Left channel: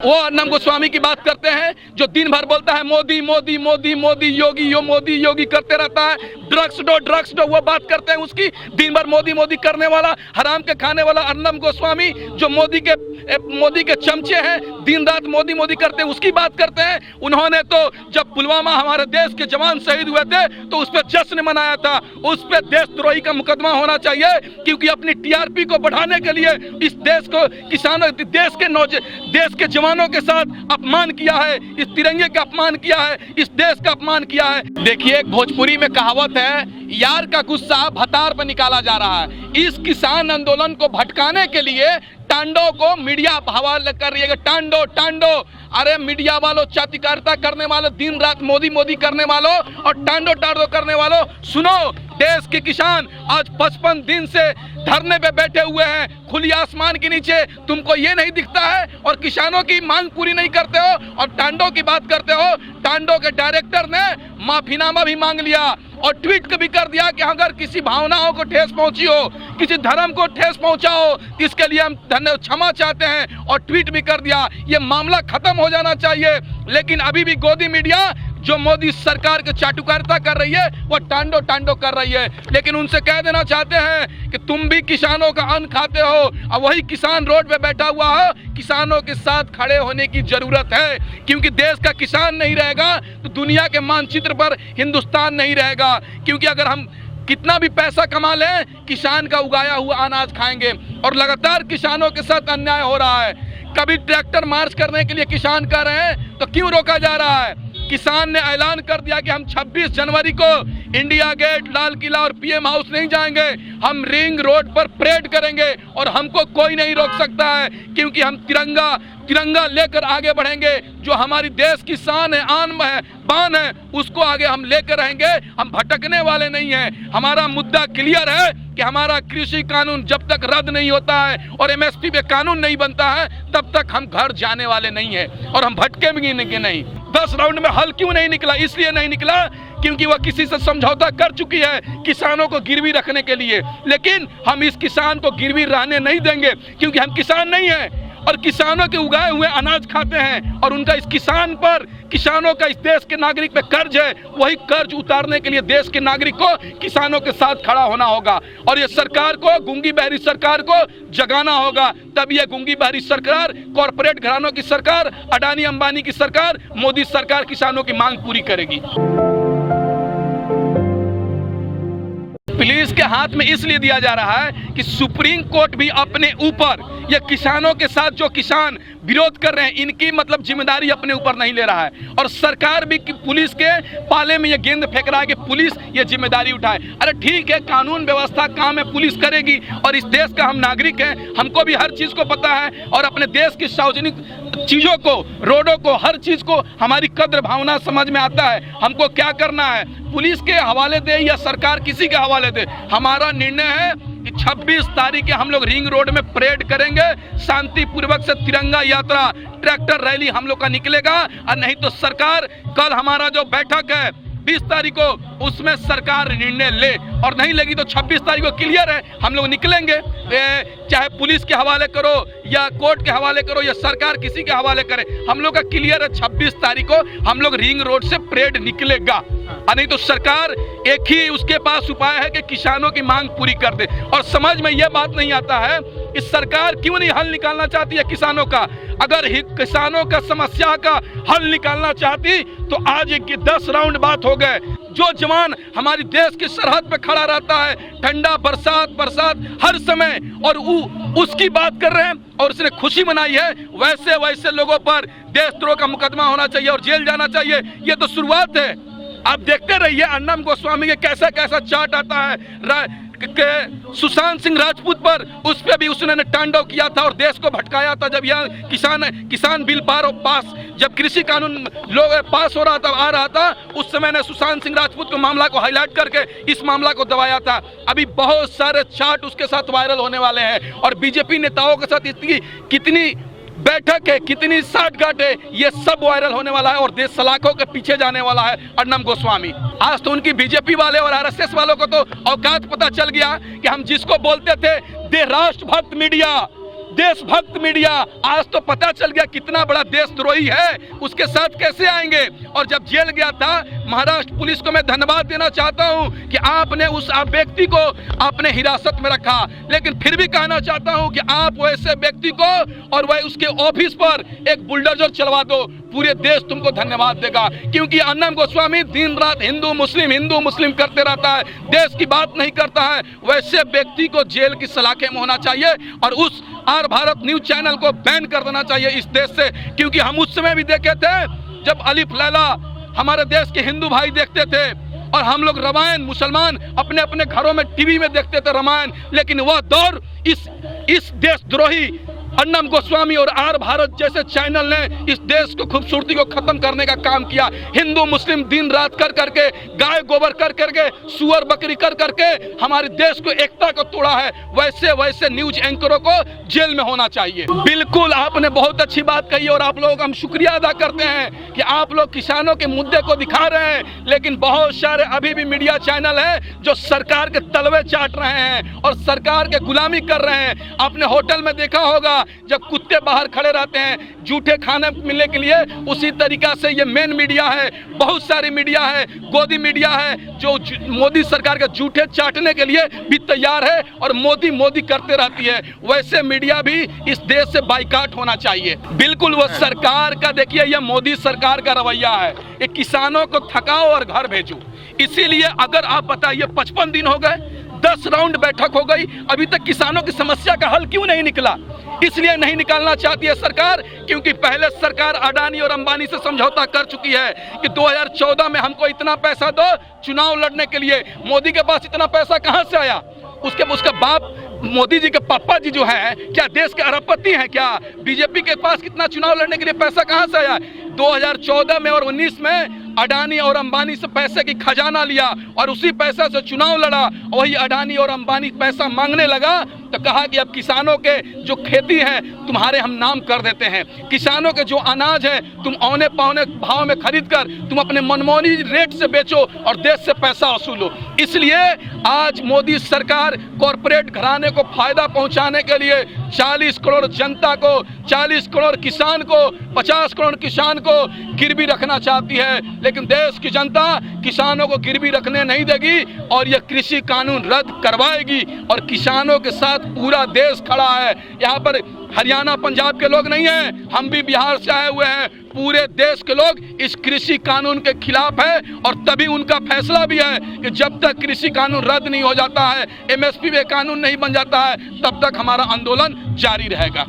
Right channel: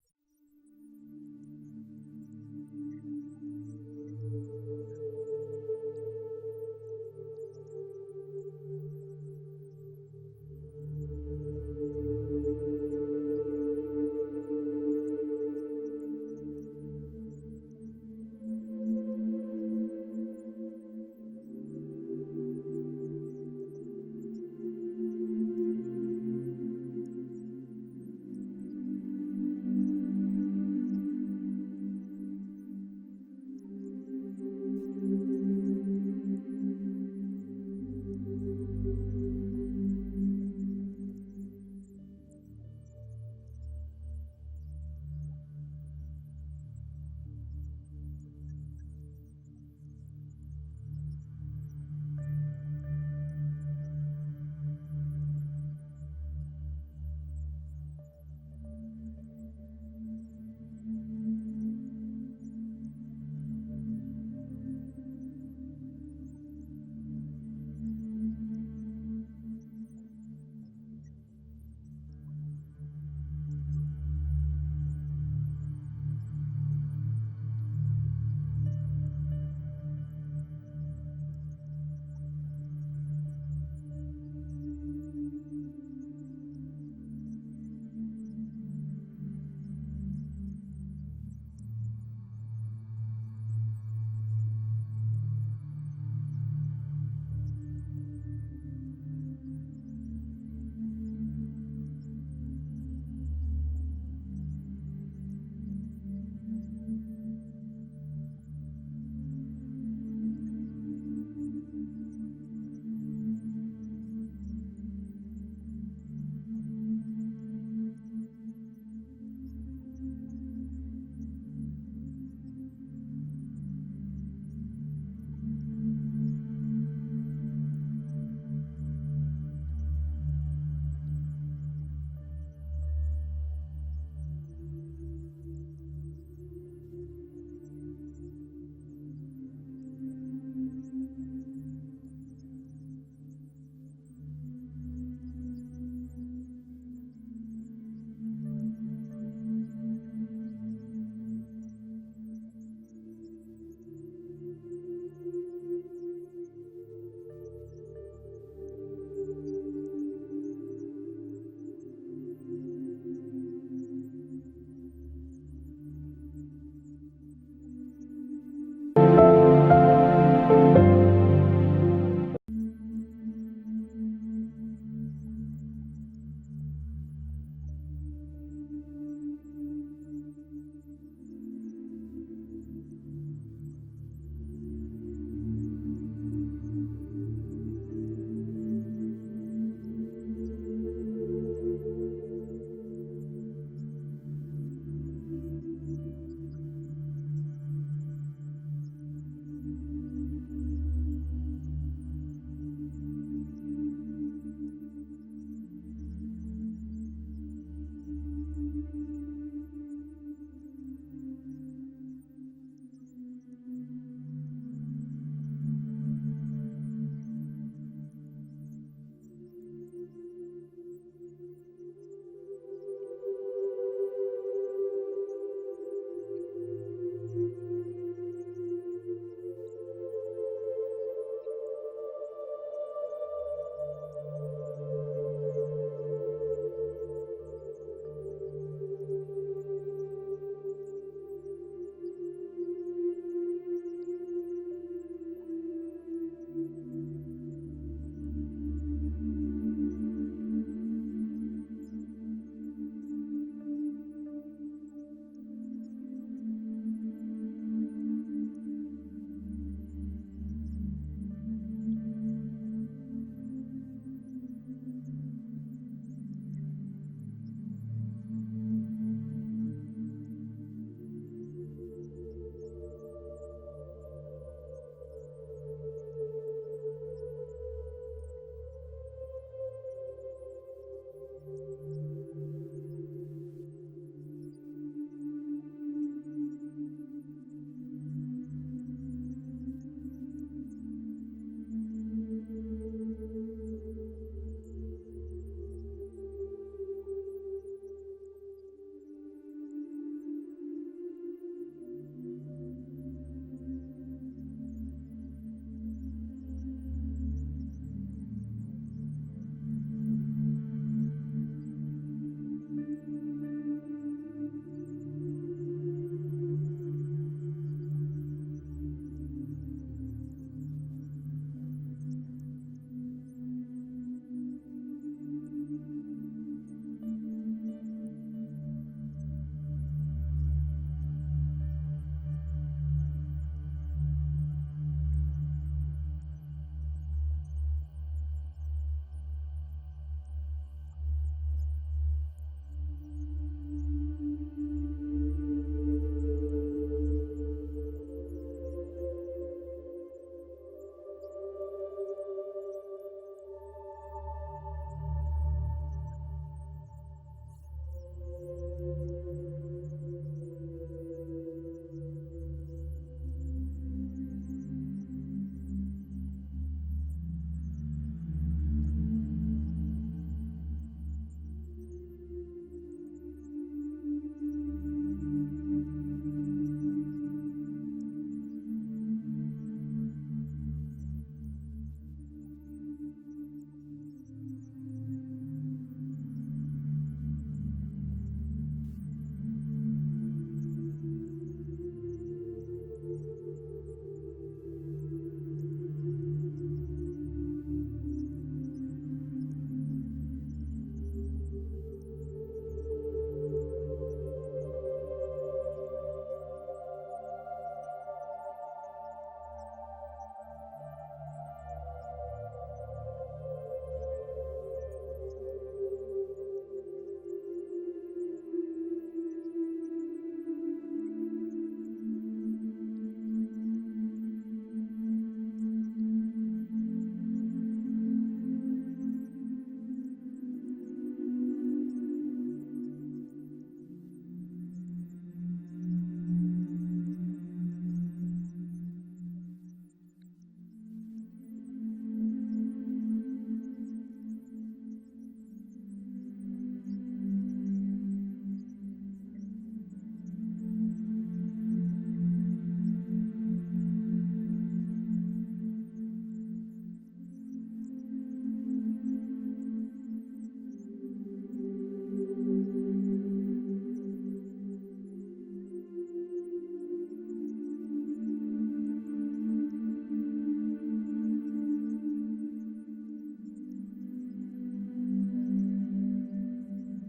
वो अर्नब गोस्वामी की बात करते हैं जो दिन भर बोलता है मोदी मोदी मोदी मोदी योगी मोदी योगी करते रहता है। ड्रग्स दो वो बात करते हैं उसकी। दिन भर मोदी मोदी करने वाला हराम के खाने वाला अर्नब गोस्वामी जो मोदी के चमचे हैं, दिन रात मोदी मोदी करते हैं उसकी बात करते हैं। उन्होंने तो जब पुलवामा हमारे देश के जवान शहीद हुए थे तो उस पर जश्न मनाया था। उस पर देशद्रोही का मुकदमा होना चाहिए क्योंकि अपनी टीआरपी को बढ़ाने के लिए इस देश को किसानों देश के जवानों के साथ अपमान किया है, इस तिरंगे का अपमान किया है, इस देश का अपमान किया है। देखिए भोजपुरी में कहावत है, यार का गुस्सा भतार पर निकाला जा रहा है। इस किसान आंदोलन को भटकाने के लिए टांडो को मीडिया हवाले कर रही है। टांडो अरे मीडिया वालों, चातिकारिता करने वालों, दिन रात मोदी मोदी करने वालों और टांडो करने वालों, सुनो। देश के किसान आज 55 दिन से धरने पे बैठे हुए हैं खुली आसमान के नीचे। तुमको ये नहीं दिखता है और किसानों की मांग पूरी नहीं करते हो और टांडो की बात करते हो। टांडो के डायरेक्टर ने माफीनामा भी मांग लिया और ट्वीट भी कर दिया कि अगर किसी भावनाओं को ठेस पहुंची हो, किसी धर्म को ठेस पहुंचा हो, इसके लिए हम क्षमा चाहते हैं और ट्वीट भी कर दिया। ये मामला खत्म हो जाना चाहिए। लेकिन अभी भी गोदी मीडिया जो मोदी सरकार की चाटुकारिता कर रही है वो टांडो कर रही है। लेकिन उनसे कह देना चाहते हैं कि तुम भी किसानों का अन्न खाते हो और वही किसान रोड पे बैठा हुआ हो। किसानों के साथ खड़े होने की जरूरत है क्योंकि देश का किसान नहीं रहेगा तो दुनिया के मानचित्र पर हिंदुस्तान नहीं रहेगा। क्योंकि अगर हम कितना भी पैसा कमा लें, किसान का उगाया हुआ अनाज खाएंगे और लगातार किसानों के साथ अन्याय हो रहा है। कभी ट्रैक्टर मार्च करने के लिए किसान कर रहे हैं तो क्यों रोका जा रहा है? किसान ने ऐलान कर दिया कि हम 26 जनवरी को इंडिया गेट, लाल किला और पीएम हाउस नहीं जाएंगे, हम रिंग रोड पर परेड करेंगे और हमको कोई नहीं रोक सकता है क्योंकि हम तिरंगा लेकर आगे बढ़ेंगे। जो हमारी देश की शान है, आन है, बान है, उसको आगे हम लेकर रहेंगे। हम भटकने वाले नहीं हैं। हमारा मुद्दा क्लियर है कि हमारा कृषि कानून जब तक रद्द नहीं होता है और एमएसपी पे कानून नहीं बनता है तब तक हम घर जाने वाले नहीं हैं और हम भटकेंगे नहीं। 10 राउंड में हल क्यों नहीं निकला? इसलिए नहीं निकला क्योंकि वह किसी से समझौता कर चुकी है किसानों को गिरवी रखने के लिए। लेकिन हम इस किसान को गिरवी रहने नहीं देंगे क्योंकि हम किसान नहीं हैं और किसानों के उगाए हुए अनाज खाते हैं और उनका इस किसान पर, किसानों का इस देश के नागरिक पे कर्ज है। वही कर्ज उतारने के लिए देश के नागरिक को किसानों के साथ खड़ा होना होगा और ये सरकार को, गूंगी बहरी सरकार को जगाना होगा। तब ये गूंगी बहरी सरकार, कॉरपोरेट घरानों की सरकार, अडानी अंबानी की सरकार, मोदी सरकार किसानों की मांग पूरी करेगी। पुलिस के हाथ में इसलिए दिया जा रहा है कि सुप्रीम कोर्ट भी अपने ऊपर ये किसानों के साथ जो किसान विरोध कर रहे हैं इनकी मतलब जिम्मेदारी अपने ऊपर नहीं ले रहा है और सरकार भी पुलिस के पाले में ये गेंद फेंक रहा है कि पुलिस ये जिम्मेदारी उठाए। अरे ठीक है, कानून व्यवस्था काम है, पुलिस करेगी और इस देश का हम नागरिक हैं, हमको भी हर चीज को पता है और अपने देश की सार्वजनिक चीजों को, रोडों को, हर चीज को हमारी कद्र भावना समझ में आता है। हमको क्या करना है, पुलिस के हवाले दे या सरकार किसी के हवाले दे, हमारा निर्णय है कि 26 तारीख हम लोग रिंग रोड में परेड करेंगे। शांतिपूर्वक से तिरंगा यात्रा, ट्रैक्टर रैली हम लोग का निकलेगा और नहीं तो सरकार, कल हमारा जो बैठक है 20 तारीख को, उसमें सरकार निर्णय ले और नहीं लेगी तो 26 तारीख को क्लियर है, हम लोग निकलेंगे। चाहे पुलिस के हवाले करो या कोर्ट के हवाले करो या सरकार किसी के हवाले करे, हम लोग का क्लियर है 26 तारीख को हम लोग रिंग रोड से परेड निकलेगा। और नहीं तो सरकार एक ही उसके पास उपाय है कि किसानों की मांग पूरी कर दे। और समझ में यह बात नहीं आता है कि सरकार क्यों नहीं हल निकालना चाहती है किसानों का। अगर किसानों का समस्या का हल निकालना चाहती तो आज 10 राउंड बात हो गए। जो जवान हमारी देश की सरहद पे खड़ा रहता है, ठंडा, बरसात हर समय, और उसकी बात कर रहे हैं और उसने खुशी मनाई है, वैसे लोगों पर देशद्रोह का मुकदमा होना चाहिए और जेल जाना चाहिए। ये तो शुरुआत है। आप देखते रहिए अर्नब गोस्वामी के कैसा चार्ट आता है सुशांत सिंह राजपूत पर, उस पर भी उसने टांडव किया था और देश को भटकाया था। जब यहाँ किसान बिल पास, जब कृषि कानून लोग पास हो रहा था, आ रहा था, उस समय ने सुशांत सिंह राजपूत को मामला को हाईलाइट करके इस मामला को दबाया था। अभी बहुत सारे चार्ट उसके साथ वायरल होने वाले हैं और बीजेपी नेताओं के साथ कितनी बैठक है, कितनी साठगांठ है, ये सब वायरल होने वाला है और देश सलाखों के पीछे जाने वाला है अर्नब गोस्वामी। आज तो उनकी बीजेपी वाले और आरएसएस वालों को तो औकात पता चल गया कि हम जिसको बोलते थे दे राष्ट्रभक्त मीडिया, देशभक्त मीडिया आज तो पता चल गया कितना बड़ा देशद्रोही है, उसके साथ कैसे आएंगे। और जब जेल गया था, महाराष्ट्र पुलिस को मैं धन्यवाद देना चाहता हूं कि आपने उस व्यक्ति को अपने हिरासत में रखा, लेकिन फिर भी कहना चाहता हूं कि आप वैसे व्यक्ति को और वह उसके ऑफिस पर एक बुलडोजर चलवा दो, पूरे देश तुमको धन्यवाद देगा। क्योंकि अर्नब गोस्वामी दिन रात हिंदू मुस्लिम करते रहता है, देश की बात नहीं करता है। वैसे व्यक्ति को जेल की सलाखें में होना चाहिए और उस आर भारत न्यूज चैनल को बैन कर देना चाहिए इस देश से। क्योंकि हम उस समय भी देखे थे जब अलिफ लैला हमारे देश के हिंदू भाई देखते थे और हम लोग रामायण मुसलमान अपने अपने घरों में टीवी में देखते थे रामायण, लेकिन वह दौर इस देशद्रोही अर्नब गोस्वामी और आर भारत जैसे चैनल ने इस देश को खूबसूरती को खत्म करने का काम किया। हिंदू मुस्लिम दिन रात कर करके, गाय गोबर कर करके, सुअर बकरी कर करके हमारे देश को एकता को तोड़ा है। वैसे न्यूज एंकरों को जेल में होना चाहिए। बिल्कुल आपने बहुत अच्छी बात कही और आप लोग हम शुक्रिया अदा करते हैं कि आप लोग किसानों के मुद्दे को दिखा रहे हैं, लेकिन बहुत सारे अभी भी मीडिया चैनल है जो सरकार के तलवे चाट रहे हैं और सरकार के गुलामी कर रहे हैं। आपने होटल में देखा होगा जब कुत्ते बाहर खड़े रहते हैं झूठे खाने मिलने के लिए, उसी तरीका से ये मेन मीडिया है, बहुत सारी मीडिया है, गोदी मीडिया है जो मोदी सरकार के झूठे चाटने के लिए भी तैयार है और मोदी करते रहती है। वैसे मीडिया भी इस देश से बाइकाट होना चाहिए। बिल्कुल वो सरकार का देखिए, ये मोदी सरकार का रवैया है, ये किसानों को थकाओ और घर भेजो। इसीलिए अगर आप बताइए 55 दिन हो गए, 10 राउंड बैठक हो गई, अभी तक किसानों की समस्या का हल क्यों नहीं निकला? इसलिए नहीं निकालना चाहती है सरकार क्योंकि पहले सरकार अडानी और अंबानी से समझौता कर चुकी है कि 2014 में हमको इतना पैसा दो चुनाव लड़ने के लिए। मोदी के पास इतना पैसा कहां से आया? उसका बाप मोदी जी के पापा जी जो है क्या देश के अरबपति हैं क्या? बीजेपी के पास कितना चुनाव लड़ने के लिए पैसा कहां से आया? 2014 में और 19 में अडानी और अंबानी से पैसे की खजाना लिया और उसी पैसे से चुनाव लड़ा। वही अडानी और अंबानी पैसा मांगने लगा तो कहा कि अब किसानों के जो खेती है तुम्हारे हम नाम कर देते हैं, किसानों के जो अनाज है तुम औने पौने भाव में खरीद कर तुम अपने मनमानी रेट से बेचो और देश से पैसा वसूलो। इसलिए आज मोदी सरकार कॉरपोरेट घराने को फायदा पहुंचाने के लिए 40 करोड़ जनता को, 40 करोड़ किसान को, 50 करोड़ किसान को गिरवी रखना चाहती है, लेकिन देश की जनता किसानों को गिरवी रखने नहीं देगी और यह कृषि कानून रद्द करवाएगी और किसानों के साथ पूरा देश खड़ा है। यहाँ पर हरियाणा पंजाब के लोग नहीं हैं, हम भी बिहार से आए हुए हैं, पूरे देश के लोग इस कृषि कानून के खिलाफ है और तभी उनका फैसला भी है कि जब तक कृषि कानून रद्द नहीं हो जाता है, एमएसपी में कानून नहीं बन जाता है, तब तक हमारा आंदोलन जारी रहेगा।